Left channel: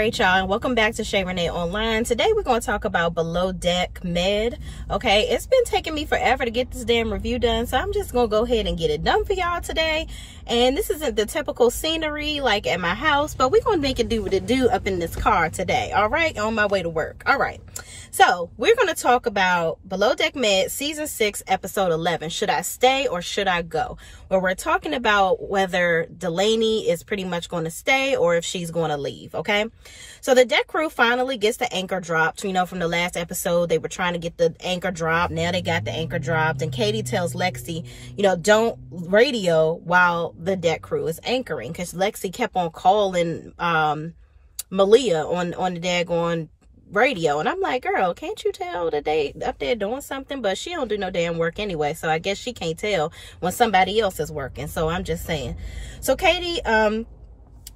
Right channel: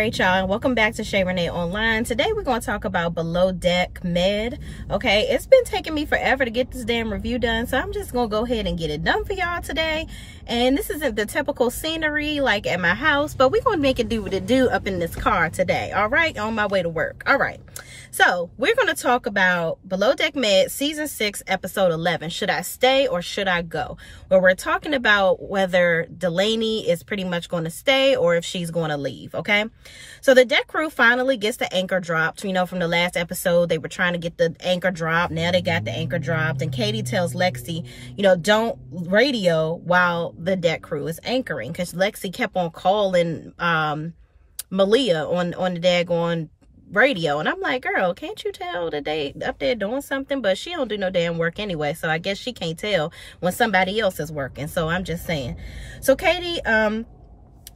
right, y'all, welcome back to Shay Renee Online. Today we're going to talk about Below Deck Med. Okay, it's been taking me forever to get this damn review done, so I'm just gonna go ahead and get it done for y'all today. And this isn't the typical scenery like at my house, but we're gonna make it do what it do up in this car today. All right, on my way to work. All right, so we're gonna talk about Below Deck Med season 6 episode 11. Should I stay or should I go? Where we're talking about whether Delaney is pretty much going to stay or if she's going to leave. Okay, so the deck crew finally gets the anchor dropped. You know, from the last episode, they were trying to get the anchor dropped. Now they got the anchor dropped, and Katie tells Lexi, you know, don't radio while the deck crew is anchoring, because Lexi kept on calling Malia on the daggone radio, and I'm like, girl, can't you tell that they up there doing something? But she don't do no damn work anyway, so I guess she can't tell when somebody else is working. So I'm just saying. So Katie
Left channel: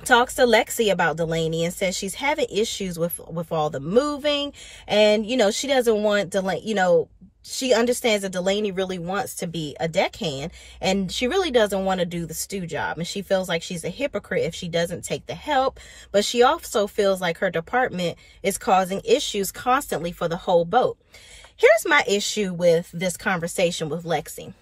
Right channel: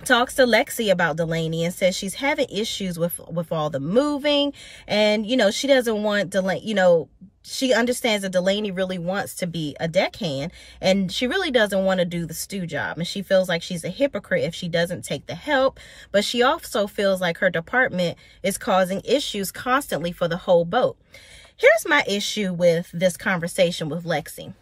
talks to Lexi about Delaney and says she's having issues with all the moving, and you know, she doesn't want Delaney, you know, she understands that Delaney really wants to be a deckhand, and she really doesn't want to do the stew job, and she feels like she's a hypocrite if she doesn't take the help. But she also feels like her department is causing issues constantly for the whole boat. Here's my issue with this conversation with Lexi.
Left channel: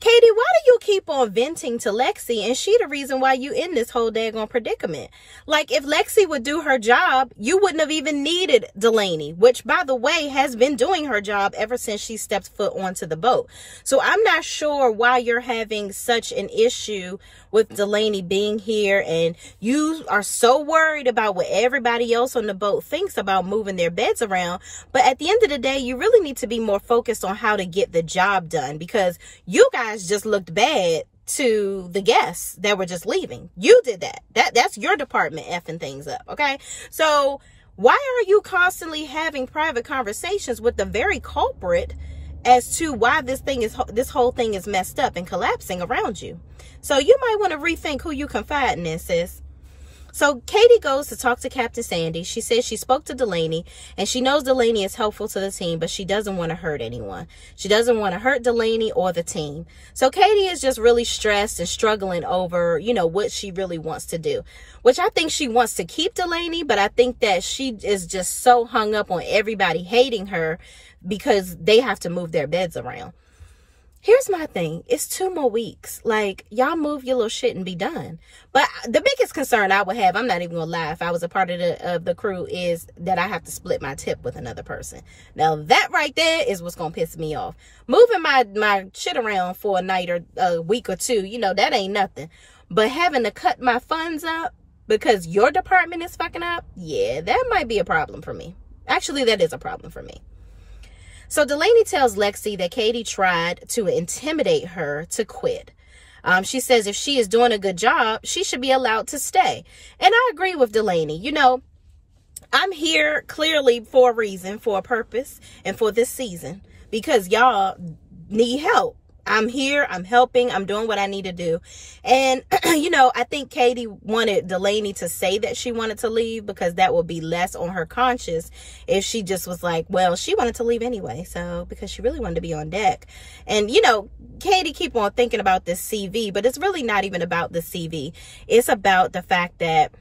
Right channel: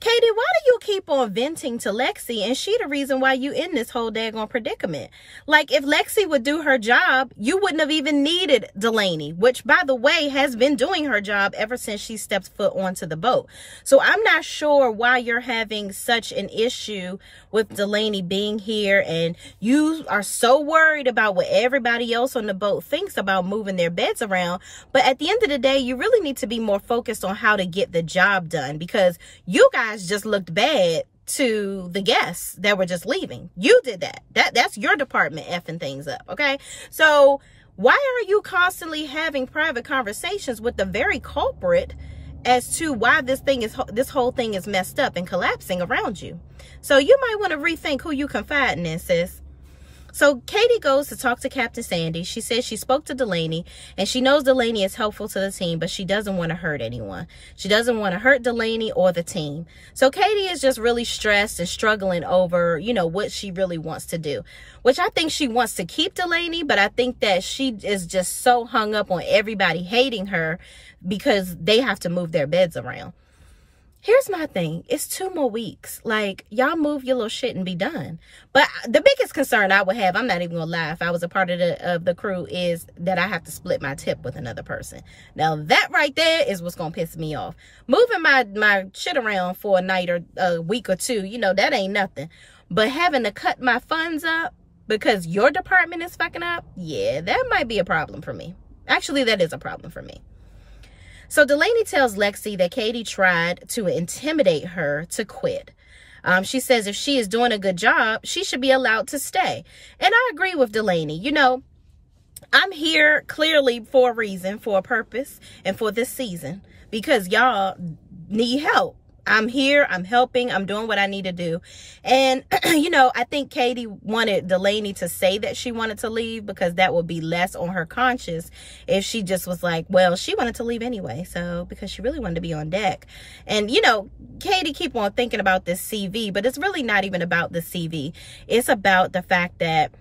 Katie, why do you keep on venting to Lexi, and she the reason why you in this whole daggone predicament? Like, if Lexi would do her job, you wouldn't have even needed Delaney, which, by the way, has been doing her job ever since she stepped foot onto the boat. So I'm not sure why you're having such an issue with Delaney being here, and you are so worried about what everybody else on the boat thinks about moving their beds around. But at the end of the day, you really need to be more focused on how to get the job done, because you guys just looked bad to the guests that were just leaving. You did that. That's your department effing things up, okay? So why are you constantly having private conversations with the very culprit as to why this whole thing is messed up and collapsing around you? So you might want to rethink who you confiding in, sis. So Katie goes to talk to Captain Sandy. She says she spoke to Delaney, and she knows Delaney is helpful to the team, but she doesn't want to hurt anyone. She doesn't want to hurt Delaney or the team. So Katie is just really stressed and struggling over, you know, what she really wants to do, which I think she wants to keep Delaney, but I think that she is just so hung up on everybody hating her because they have to move their beds around. Here's my thing. It's 2 more weeks. Like, y'all move your little shit and be done. But the biggest concern I would have, I'm not even gonna lie, if I was a part of the crew, is that I have to split my tip with another person. Now, that right there is what's gonna piss me off. Moving my shit around for a night or a week or 2, you know, that ain't nothing. But having to cut my funds up because your department is fucking up, yeah, that might be a problem for me. Actually, that is a problem for me. So Delaney tells Lexi that Katie tried to intimidate her to quit. She says if she is doing a good job, she should be allowed to stay. And I agree with Delaney. You know, I'm here clearly for a reason, for a purpose, and for this season, because y'all need help. I'm here, I'm helping, I'm doing what I need to do. And, you know, I think Katie wanted Delaney to say that she wanted to leave, because that would be less on her conscience if she just was like, well, she wanted to leave anyway, so, because she really wanted to be on deck. And, you know, Katie keep on thinking about this CV, but it's really not even about the CV. It's about the fact that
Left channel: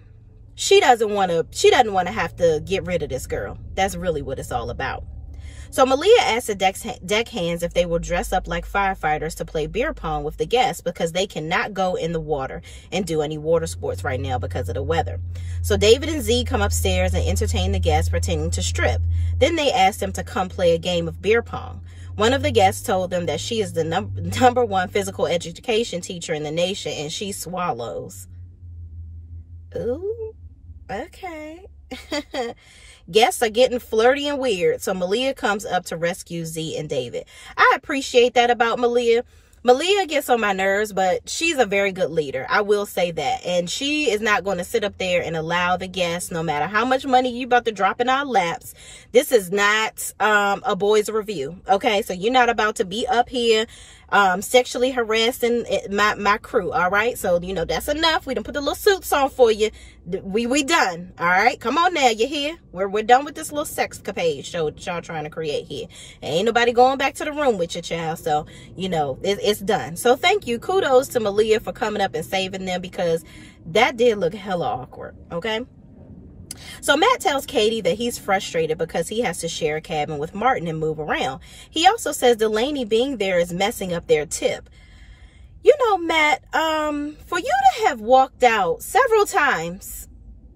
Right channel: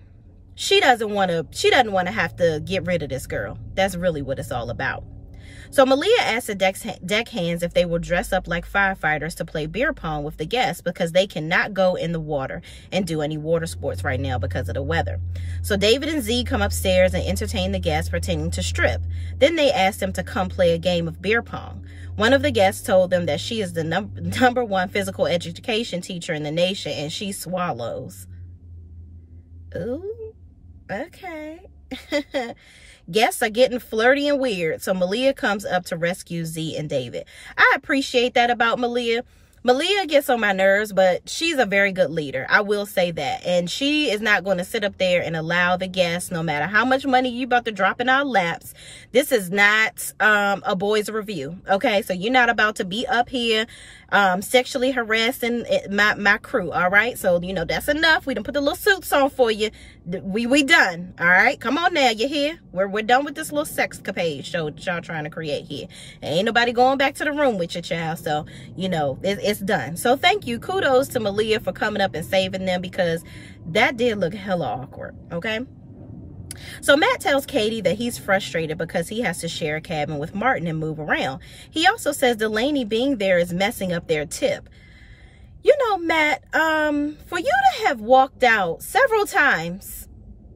she doesn't want to have to get rid of this girl. That's really what it's all about. So Malia asked the deckhands if they will dress up like firefighters to play beer pong with the guests, because they cannot go in the water and do any water sports right now because of the weather. So David and Z come upstairs and entertain the guests pretending to strip. Then they asked them to come play a game of beer pong. One of the guests told them that she is the number 1 physical education teacher in the nation, and she swallows. Ooh, okay. Guests are getting flirty and weird, so Malia comes up to rescue Z and David. I appreciate that about Malia. Malia gets on my nerves, but she's a very good leader. I will say that. And she is not going to sit up there and allow the guests, no matter how much money you about to drop in our laps. This is not a boys review, okay? So you're not about to be up here sexually harassing my crew, all right? So, you know, that's enough. We done put the little suits on for you. We done, all right? Come on now, you here? We're done with this little sexcapade show that y'all trying to create here. Ain't nobody going back to the room with your child, so, you know, it's done. So thank you. Kudos to Malia for coming up and saving them, because that did look hella awkward, okay? So Matt tells Katie that he's frustrated because he has to share a cabin with Martin and move around. He also says Delaney being there is messing up their tip. You know, Matt, for you to have walked out several times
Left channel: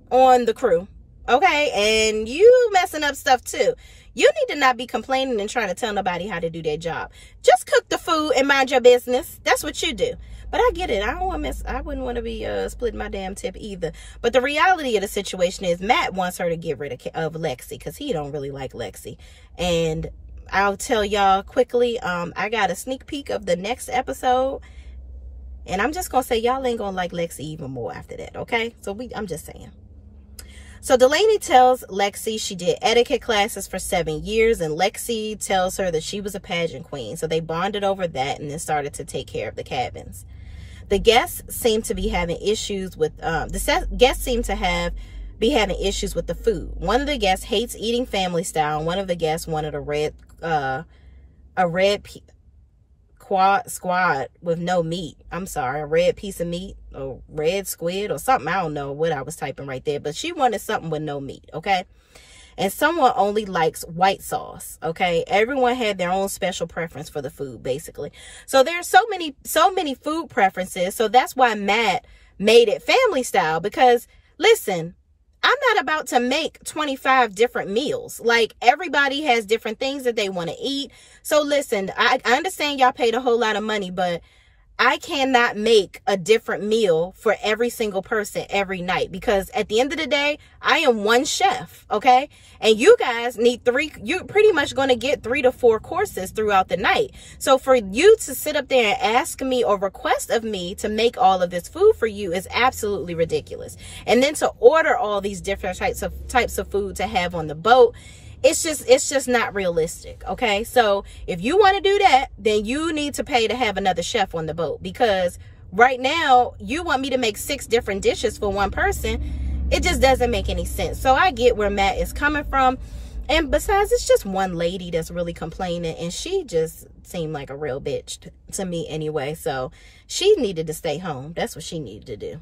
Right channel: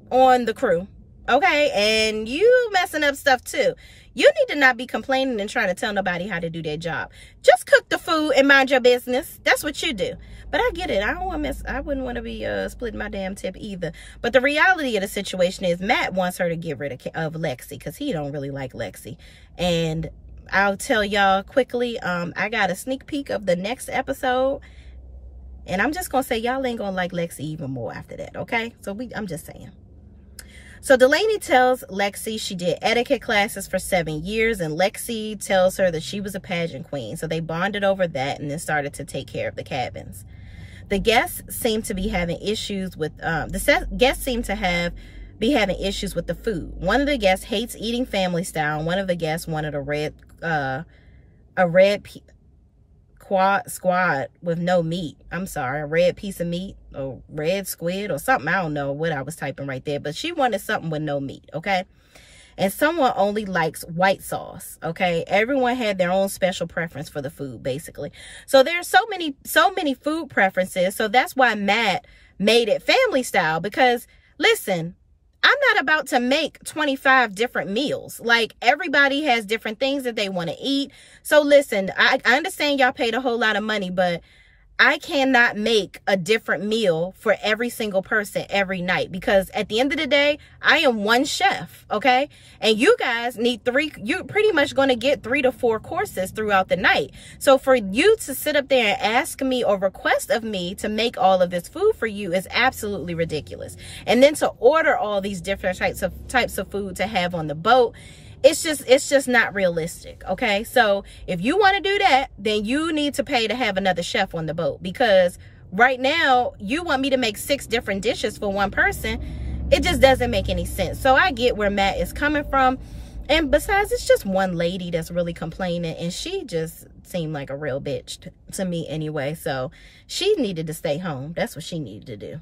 on the crew, okay, and you messing up stuff too, you need to not be complaining and trying to tell nobody how to do their job. Just cook the food and mind your business. That's what you do. But I get it. I wouldn't want to be splitting my damn tip either. But the reality of the situation is Matt wants her to get rid of Lexi because he don't really like Lexi. And I'll tell y'all quickly, I got a sneak peek of the next episode. And I'm just going to say y'all ain't going to like Lexi even more after that, okay? So I'm just saying. So Delaney tells Lexi she did etiquette classes for 7 years, and Lexi tells her that she was a pageant queen. So they bonded over that and then started to take care of the cabins. The guests seem to be having issues with be having issues with the food. One of the guests hates eating family style, and one of the guests wanted a red squad with no meat. I'm sorry, a red piece of meat or red squid or something. I don't know what I was typing right there, but she wanted something with no meat, okay? And someone only likes white sauce, okay? Everyone had their own special preference for the food, basically. So there's so many food preferences. So that's why Matt made it family style, because listen, I'm not about to make 25 different meals. Like, everybody has different things that they want to eat. So listen, I understand y'all paid a whole lot of money, but I cannot make a different meal for every single person every night, because at the end of the day, I am one chef, okay? And you guys need you're pretty much going to get 3 to 4 courses throughout the night. So for you to sit up there and ask me or request of me to make all of this food for you is absolutely ridiculous. And then to order all these different types of food to have on the boat, it's just not realistic, okay? So if you want to do that, then you need to pay to have another chef on the boat, because right now you want me to make 6 different dishes for one person. It just doesn't make any sense. So I get where Matt is coming from. And besides, it's just one lady that's really complaining, and she just seemed like a real bitch to me anyway. So she needed to stay home. That's what she needed to do.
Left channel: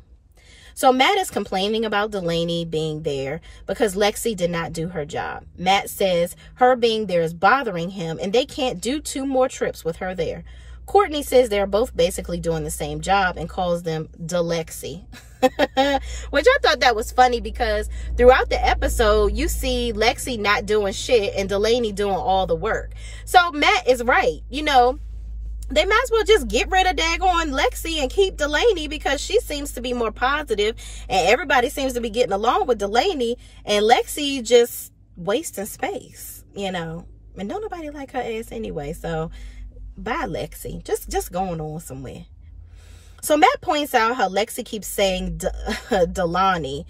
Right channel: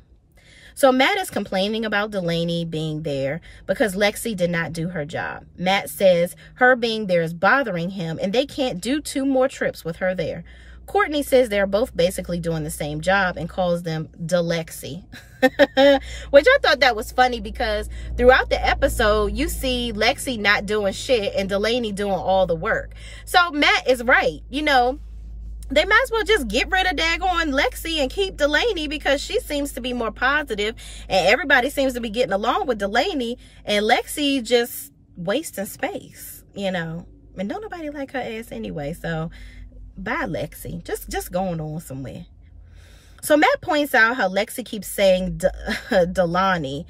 So Matt is complaining about Delaney being there because Lexi did not do her job. Matt says her being there is bothering him, and they can't do 2 more trips with her there. Courtney says they're both basically doing the same job and calls them Lexie. Which I thought that was funny, because throughout the episode, you see Lexi not doing shit and Delaney doing all the work. So Matt is right. You know, they might as well just get rid of daggone Lexi and keep Delaney, because she seems to be more positive and everybody seems to be getting along with Delaney, and Lexi just wasting space, you know. And don't nobody like her ass anyway, so bye Lexi. Just going on somewhere. So Matt points out how Lexi keeps saying Delaney's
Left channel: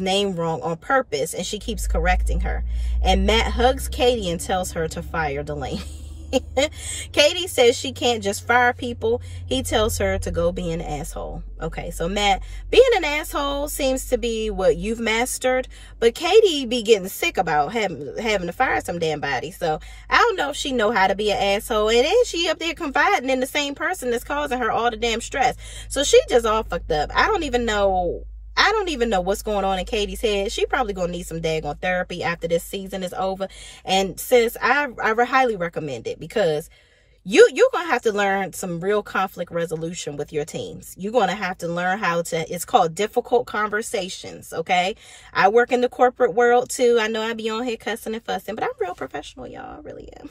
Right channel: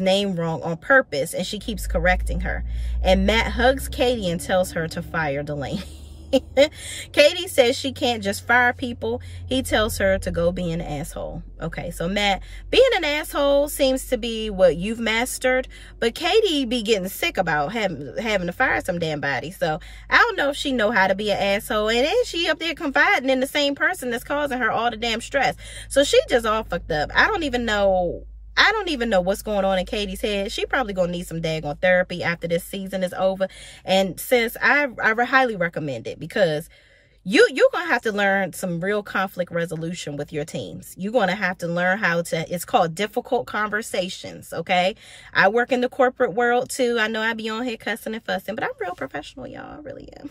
name wrong on purpose, and she keeps correcting her. And Matt hugs Katie and tells her to fire Delaney. Katie says she can't just fire people. He tells her to go be an asshole. Okay, so Matt, being an asshole seems to be what you've mastered, but Katie be getting sick about having to fire some damn body. So I don't know if she know how to be an asshole, and then she up there confiding in the same person that's causing her all the damn stress. So she just all fucked up. I don't even know what's going on in Katie's head. She probably gonna need some daggone therapy after this season is over. And sis, I highly recommend it, because you're gonna have to learn some real conflict resolution with your teams. You're gonna have to learn how to, it's called difficult conversations, okay? I work in the corporate world too. I know I be on here cussing and fussing, but I'm real professional, y'all. I really am.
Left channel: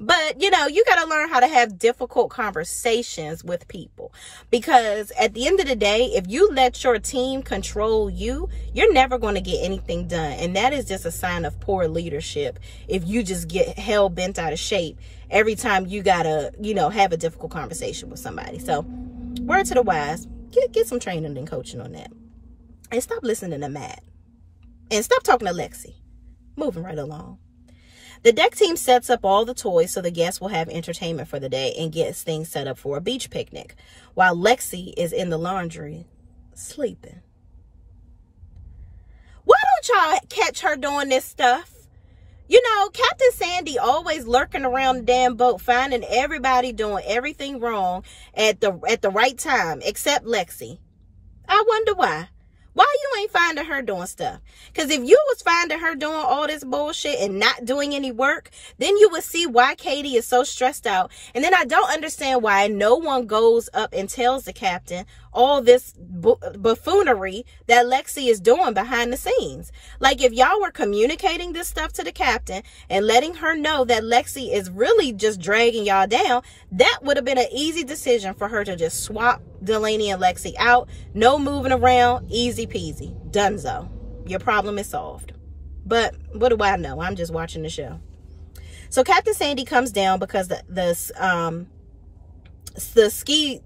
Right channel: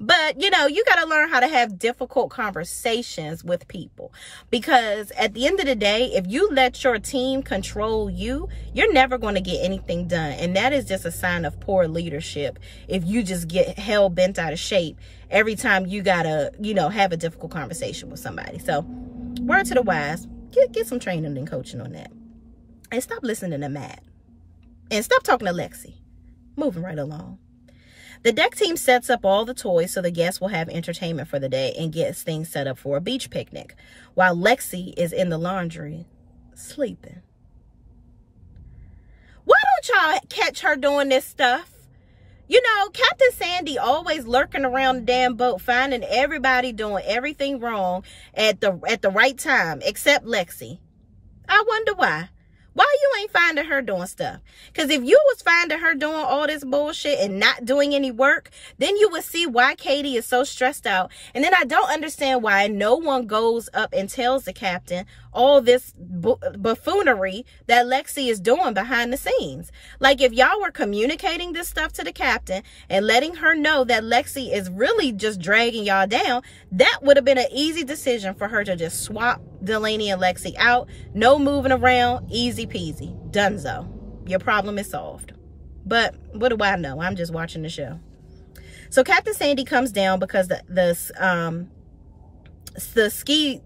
But, you know, you got to learn how to have difficult conversations with people, because at the end of the day, if you let your team control you, you're never going to get anything done. And that is just a sign of poor leadership if you just get hell bent out of shape every time you got to, you know, have a difficult conversation with somebody. So word to the wise, get some training and coaching on that. And stop listening to Matt. And stop talking to Lexi. Moving right along. The deck team sets up all the toys so the guests will have entertainment for the day and gets things set up for a beach picnic, while Lexi is in the laundry sleeping. Why don't y'all catch her doing this stuff? You know, Captain Sandy always lurking around the damn boat, finding everybody doing everything wrong at the right time, except Lexi. I wonder why. Why you ain't finding her doing stuff? Because if you was finding her doing all this bullshit and not doing any work, then you would see why Katie is so stressed out. And then I don't understand why no one goes up and tells the captain all this buffoonery that Lexi is doing behind the scenes. Like, if y'all were communicating this stuff to the captain and letting her know that Lexi is really just dragging y'all down, that would have been an easy decision for her to just swap Delaney and Lexi out. No moving around, easy peasy, donezo. Your problem is solved. But what do I know? I'm just watching the show. So Captain Sandy comes down because the ski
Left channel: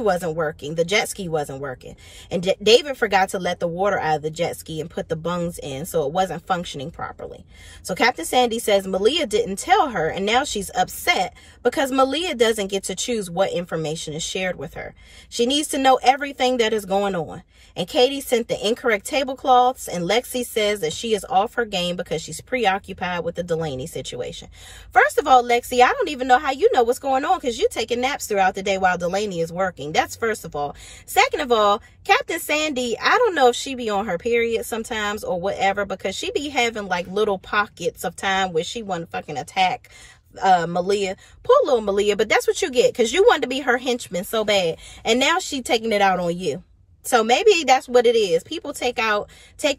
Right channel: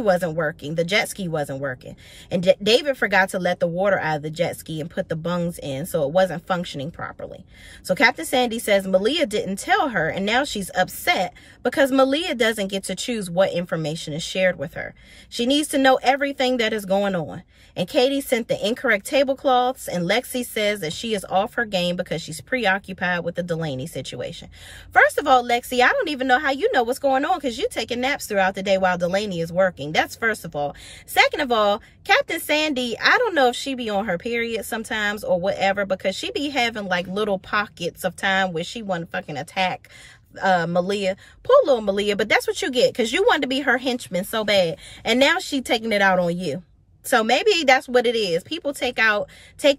wasn't working. The jet ski wasn't working. And David forgot to let the water out of the jet ski and put the bungs in, so it wasn't functioning properly. So Captain Sandy says Malia didn't tell her, and now she's upset because Malia doesn't get to choose what information is shared with her. She needs to know everything that is going on. And Katie sent the incorrect tablecloths, and Lexi says that she is off her game because she's preoccupied with the Delaney situation. First of all, Lexi, I don't even know how you know what's going on because you're taking naps throughout the day while Delaney is working. That's first of all. Second of all, Captain Sandy, I don't know if she be on her period sometimes or whatever, because she be having like little pockets of time where she want to fucking attack Malia. Poor little Malia, but that's what you get because you wanted to be her henchman so bad, and now she taking it out on you. So maybe that's what it is. People take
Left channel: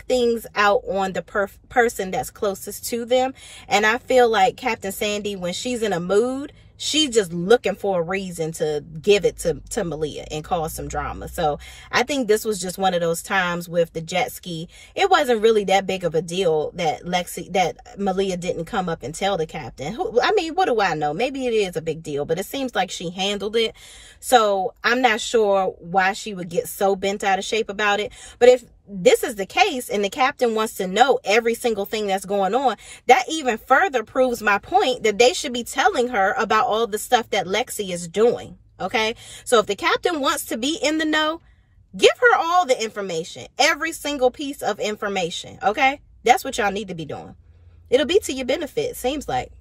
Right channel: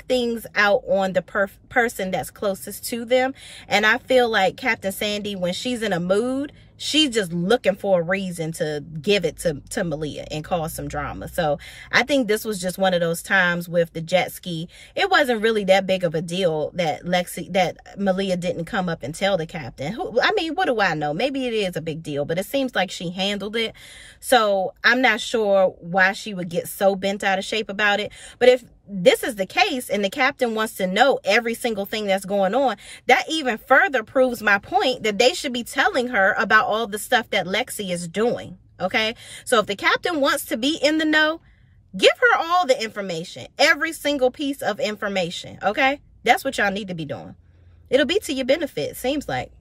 things out on the person that's closest to them. And I feel like Captain Sandy, when she's in a mood, she's just looking for a reason to give it to Malia and cause some drama. So I think this was just one of those times with the jet ski. It wasn't really that big of a deal that Malia didn't come up and tell the captain. I mean, what do I know? Maybe it is a big deal, but it seems like she handled it. So I'm not sure why she would get so bent out of shape about it. But if this is the case and the captain wants to know every single thing that's going on, that even further proves my point that they should be telling her about all the stuff that Lexi is doing. Okay, so if the captain wants to be in the know, give her all the information, every single piece of information. Okay, that's what y'all need to be doing. It'll be to your benefit, seems like.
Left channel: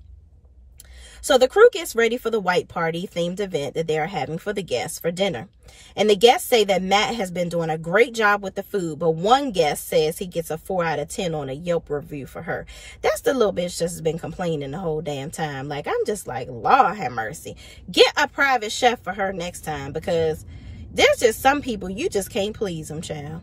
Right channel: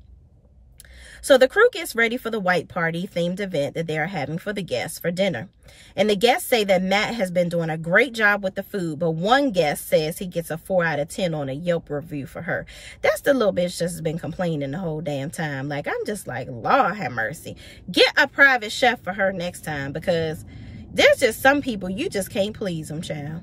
So the crew gets ready for the white party themed event that they are having for the guests for dinner. And the guests say that Matt has been doing a great job with the food, but one guest says he gets a 4 out of 10 on a Yelp review for her. That's the little bitch that's been complaining the whole damn time. Like, I'm just like, Lord have mercy. Get a private chef for her next time, because there's just some people you just can't please them, child.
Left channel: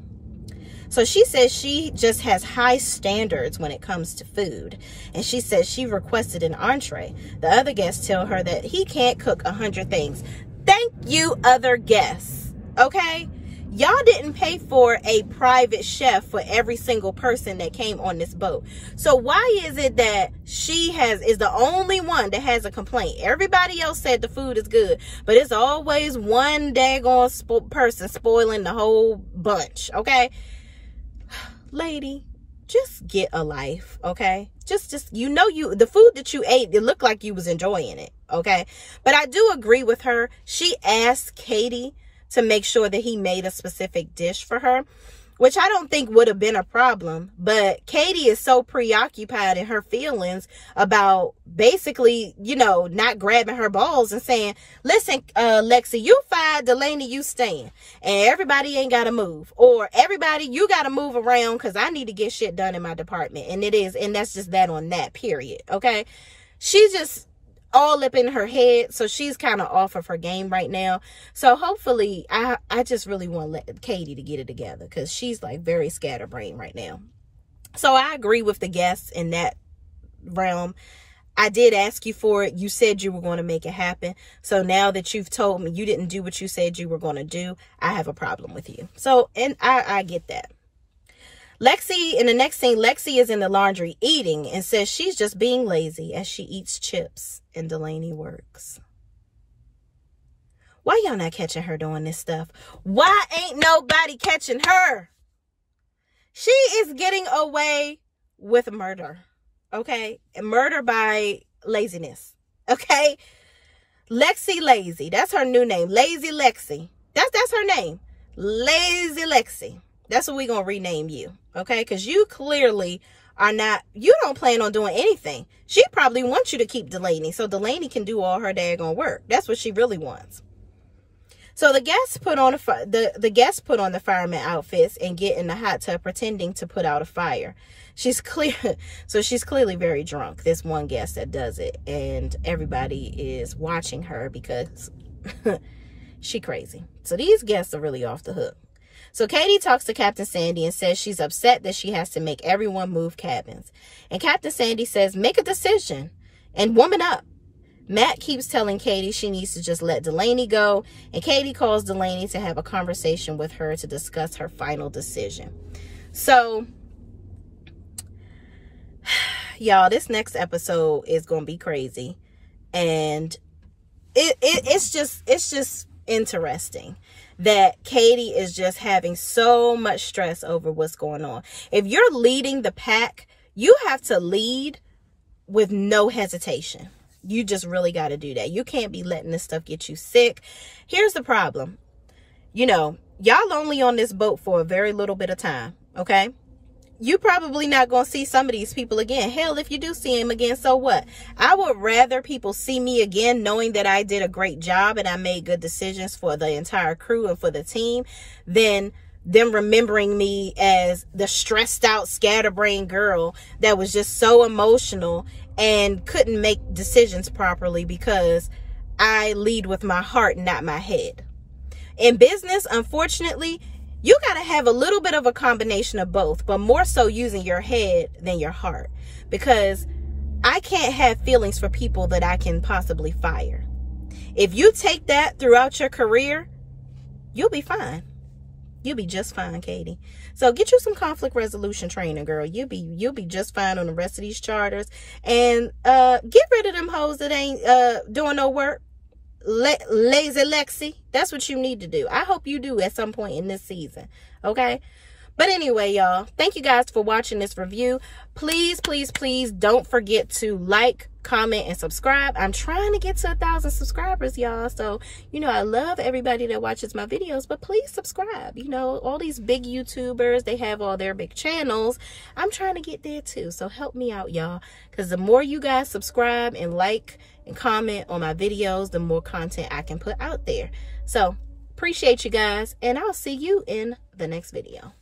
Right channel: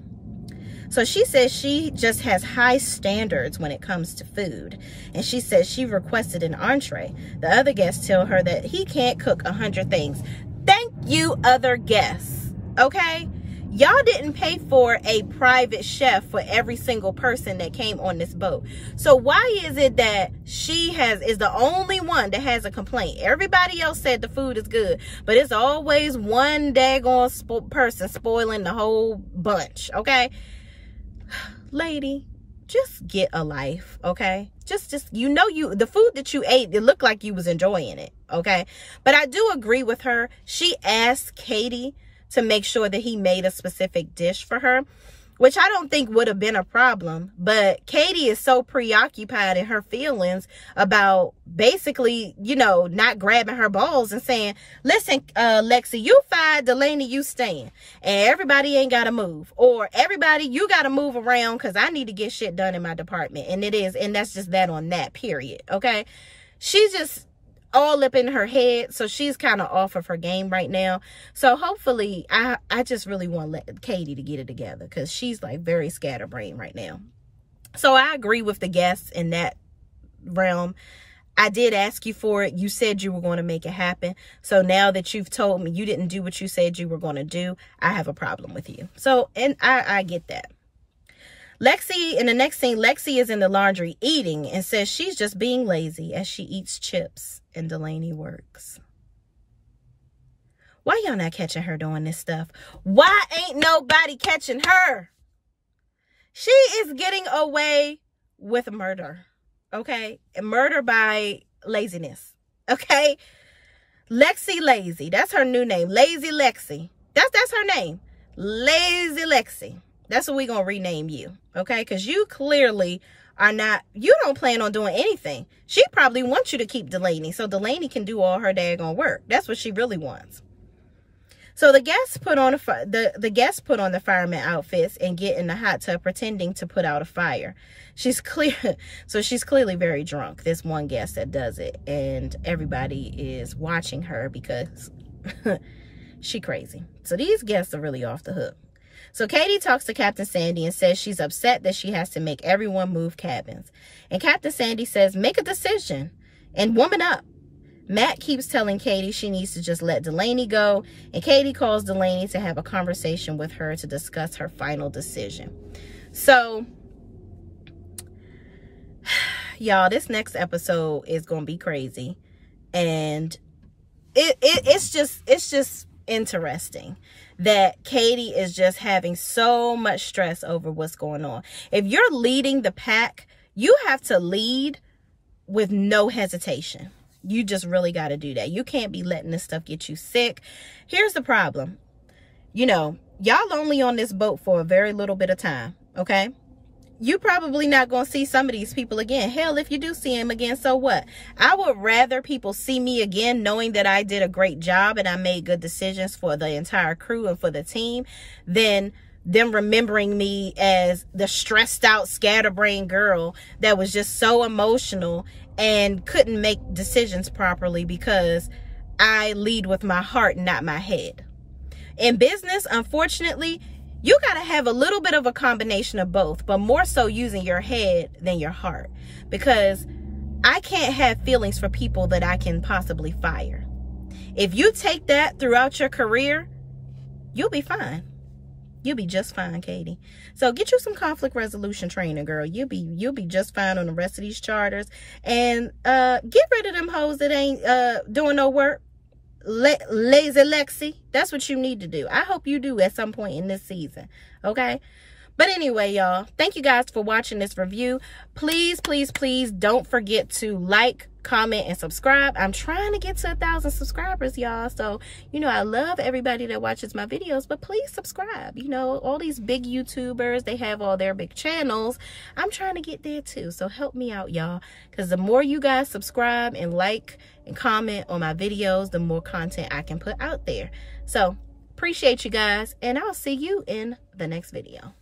So she says she just has high standards when it comes to food. And she says she requested an entree. The other guests tell her that he can't cook 100 things. Thank you, other guests. Okay? Y'all didn't pay for a private chef for every single person that came on this boat. So why is it that she is the only one that has a complaint? Everybody else said the food is good, but it's always one daggone person spoiling the whole bunch. Okay? Lady, just get a life, okay? Just the food that you ate, it looked like you was enjoying it, okay? But I do agree with her. She asked Katie to make sure that he made a specific dish for her, which I don't think would have been a problem. But Katie is so preoccupied in her feelings about basically, you know, not grabbing her balls and saying, listen, Lexi, you fired, Delaney, you staying. And everybody ain't got to move. Or everybody, you got to move around because I need to get shit done in my department. And that's just that on that, period. Okay? She's just all up in her head, so she's kind of off of her game right now. So hopefully, I just really want Katie to get it together, because she's like very scatterbrained right now. So I agree with the guests in that realm. I did ask you for it. You said you were going to make it happen. So now that you've told me you didn't do what you said you were going to do, I have a problem with you. So, and I get that. Lexi, in the next scene, Lexi is in the laundry eating and says she's just being lazy as she eats chips and Delaney works. Why y'all not catching her doing this stuff? Why ain't nobody catching her? She is getting away with murder, okay? Murder by laziness, okay? Lexi Lazy, that's her new name. Lazy Lexi, that's her name. Lazy Lexi. That's what we're going to rename you, okay? Because you clearly are not, you don't plan on doing anything. She probably wants you to keep Delaney so Delaney can do all her daggone work. That's what she really wants. So the guests put on the fireman outfits and get in the hot tub pretending to put out a fire. She's clearly very drunk, this one guest that does it, and everybody is watching her because she crazy. So these guests are really off the hook. So Katie talks to Captain Sandy and says she's upset that she has to make everyone move cabins. And Captain Sandy says, make a decision and woman up. Matt keeps telling Katie she needs to just let Delaney go, and Katie calls Delaney to have a conversation with her to discuss her final decision. So, y'all, this next episode is going to be crazy, and it's just interesting that Katie is just having so much stress over what's going on. If you're leading the pack, you have to lead with no hesitation. You just really got to do that. You can't be letting this stuff get you sick. Here's the problem. You know, y'all only on this boat for a very little bit of time, okay? You probably not going to see some of these people again. Hell, if you do see them again, so what? I would rather people see me again knowing that I did a great job and I made good decisions for the entire crew and for the team than them remembering me as the stressed out, scatterbrained girl that was just so emotional and couldn't make decisions properly because I lead with my heart, not my head. In business, unfortunately, you got to have a little bit of a combination of both, but more so using your head than your heart, because I can't have feelings for people that I can possibly fire. If you take that throughout your career, you'll be fine. You'll be just fine, Katie. So get you some conflict resolution training, girl. You'll be just fine on the rest of these charters. And get rid of them hoes that ain't doing no work. Lazy Lexi. That's what you need to do. I hope you do at some point in this season. Okay? But anyway, y'all, thank you guys for watching this review. Please, please, please don't forget to like, comment, and subscribe. I'm trying to get to 1,000 subscribers, y'all. So, you know, I love everybody that watches my videos, but please subscribe. You know, all these big YouTubers, they have all their big channels. I'm trying to get there too. So help me out, y'all. Because the more you guys subscribe and like and comment on my videos, the more content I can put out there. So appreciate you guys, and I'll see you in the next video.